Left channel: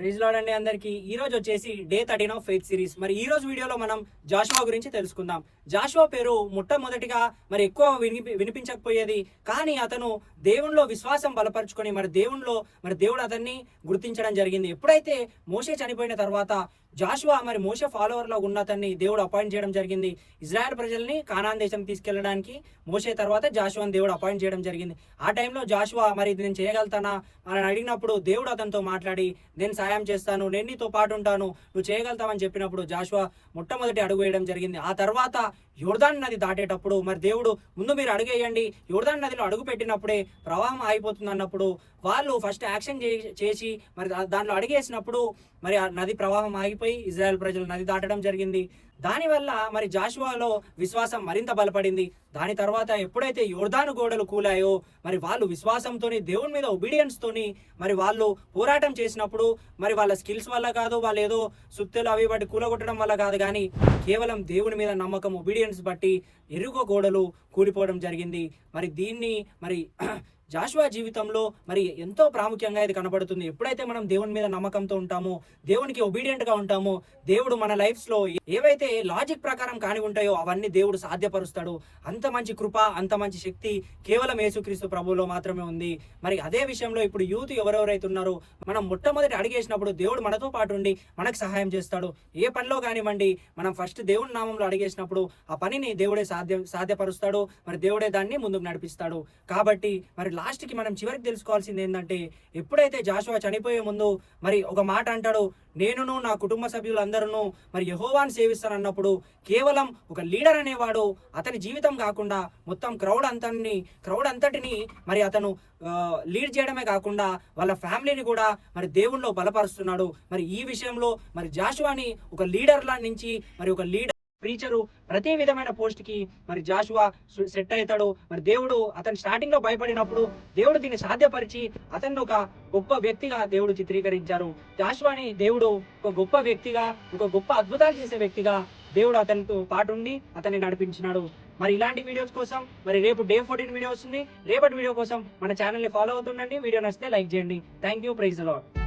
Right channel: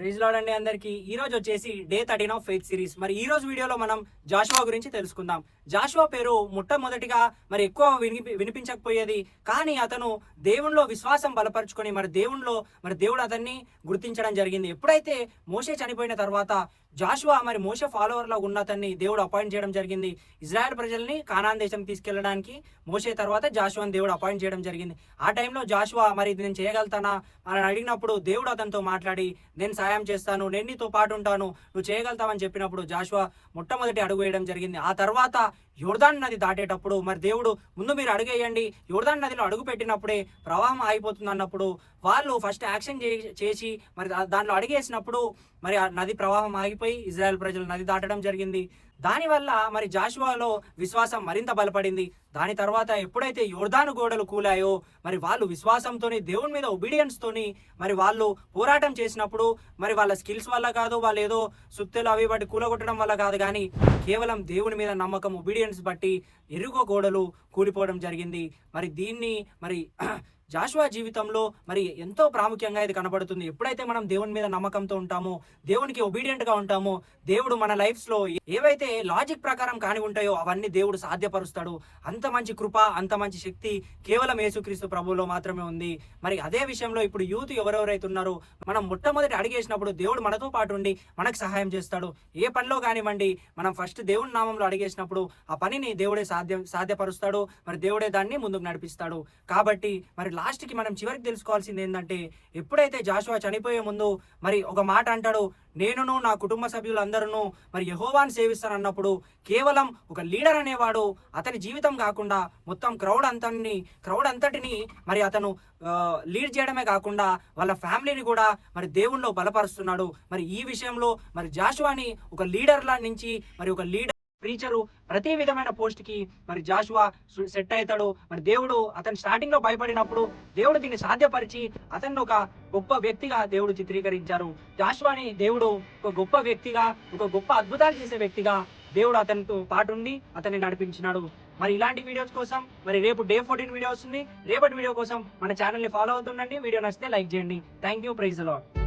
Praise lord అండి అందరికి. ఈ రోజు వచ్చేసి డే 13 ఆఫ్ ఫెయిత్ సిరీస్. మరి ఈ రోజు వీడియోలో మనం జాషువా గురించి తెలుసుకుందాం. జాషువా పేరు మొట్టమొదటిగా మరి ఎక్కువ వినిపించకపోయేది, కానీ అతను దేవునిలో విశ్వాసం బలపరుచుకొని మరి దేవుడు అతన్ని గుర్తించడం జరిగింది. ఎప్పుడైతే మోషే చనిపోయిన తర్వాత జాషువా మరి మోషే ఫాలోవర్ లో ఉన్న అతన్ని దేవుడు అపాయింట్ చేయడం జరిగింది. ఇజ్రాయెల్ ప్రజల్ని కానాన్ దేశం తీసుకెళ్లడానికి మోషే తర్వాత జాషువాని దేవుడు అపాయింట్ చేయడం జరిగింది. ఆ టైంలో జాషువా మరి నేను చేయగలుగుతానా అని అడిగినప్పుడు దేవుడు అతనితో మాట్లాడి నేను సాయం చేస్తాను, నేను నీతో పాటు ఉంటాను, నువ్వు చేయగలుగుతావని చెప్పినప్పుడు జాషువా మొట్టమొదటి అడుగు వేయడం జరిగింది. ఆ తర్వాత యోర్దాన్ నది దాటేటప్పుడు మరి దేవుడు ముందు మీరు అడుగేయండి, యోర్దాన్ నదిలో అడుగు పెట్టినప్పుడే ప్రవాహం ఆగిపోతుంది అన్నప్పుడు వాళ్ళు ఫస్ట్ యాక్షన్ చేసి మరి దాంట్లో అడుగేసినప్పుడు మరి ఆ నది ప్రవాహం ఆగిపోయి ఇజ్రాయెల్ ప్రజలు నది దాటడం జరిగింది. దానివల్ల మరి జాషువాలో విశ్వాసం మరింత బలపడింది. దాని తర్వాత ఎప్పుడైతే యోర్దాను గోడలు కూలాయో మరి వాళ్ళు విశ్వాసంతోని దేవుని మీద ఒబీడియన్స్ తోని మరి వాళ్ళు పోరాటం చేసినప్పుడు మరి వాళ్ళ స్కిల్స్ వల్ల కాదు, వాళ్ళు ఏదో సుత్తెలు అవి బట్టి కూలగొట్టడం వల్ల కాదు, కానీ కేవలం దేవుని మీద నమ్మకం, ఒబీడియన్స్ బట్టి ఎరుగో గోడలు కూలిపోవడం జరిగింది. మరి దీన్ని మరి జాషువా జీవితంలో మరి ఎంతో ప్రాముఖ్యంగా ఇది కనబడుతుంది. ఎప్పుడైతే మనం దేవుని మీద నమ్మకంతో ఉంటామో, దేవునికి ఒబీడియంట్ గా ఉంటామో, దేవుడు మన లైఫ్స్ లో ఏవైతే లాజిక్ ప్రకారం కాని ఉంటాయో అవన్నీ దేవుడు సాధ్యపరుస్తాడు. అంత మంచి కృప, అంత మంచి శక్తి కేవలం యేసుక్రీస్తు ప్రభువులో మాత్రమే ఉంది. మరి అదే విషయంలో ఇప్పుడు యూత్ ఎవరెవరైతే ఉన్నారో మనం మొట్టమొదటి అడిగేసినప్పుడు దేవుడు మనతో పాటు ఉండి మనకు సహాయం చేస్తాడు. ఏ పనిలో కానివ్వండి, మనం ఫస్ట్ దేవుని నామంలో అడిగేసినప్పుడు ఆ పనిని దేవుడే సాధ్యపరుస్తాడు. మరి దేవుడే దాన్ని ముందుకు నడిపిస్తాడు. కాబట్టి మరి లాస్ట్ కి మనం చివరికి తెలుసుకోవాల్సింది ఏంటంటే, ఎప్పుడైతే జాషువా చనిపోయే ముందు మరి ఒక మాట అంటాడు, నేనును నా కుటుంబ సభ్యులందరూ మరి యెహోవాను సేవిస్తాను అన్నప్పుడు కేవలం ఒక లీడర్ అనేవాడు అతని జీవితం కాకుండా మొత్తం క్రౌడ్ అంతటిని మరి అతను లీడ్ చేయడమే కాకుండా వాళ్ళ ఫ్యామిలీని కూడా మరి దేవుణ్ణిలో బలపరుస్తున్నాడు. మరి ఈ విషయంలో మరి జాషువాని ఒక లీడర్లా నుంచి మరి ఒక లీడర్ ప్రీచరు ప్రతి విధమైన పోస్ట్ కి మరి జాషువా సెట్ అవుతాడు. మరి దేవుడు అతను స్టార్టింగ్ లో భయపడినప్పుడు దేవుడు దీన్ని సాధ్యపరిచి అతన్ని ఒక గొప్ప వ్యక్తిగా దేవుడు చిత్రీకరించారు. జాషువాని దేవుడు ఒక గొప్ప వ్యక్తిగా, ఒక గొప్ప అద్భుతాలు చేసే వ్యక్తిగా దేవుడు అతనితో పాటుండి అతన్ని నడిపించినాడు. మరి ఇలాంటి వీడియోస్ కోసం మరి రేపు డే 14 వీడియో వస్తుంది. రేపటి వీడియో కోసం మన ఛానల్ ని ఫాలో అవుతుండండి. వీడియో నచ్చితే లైక్ చేయండి. Thank you. Praise the lord.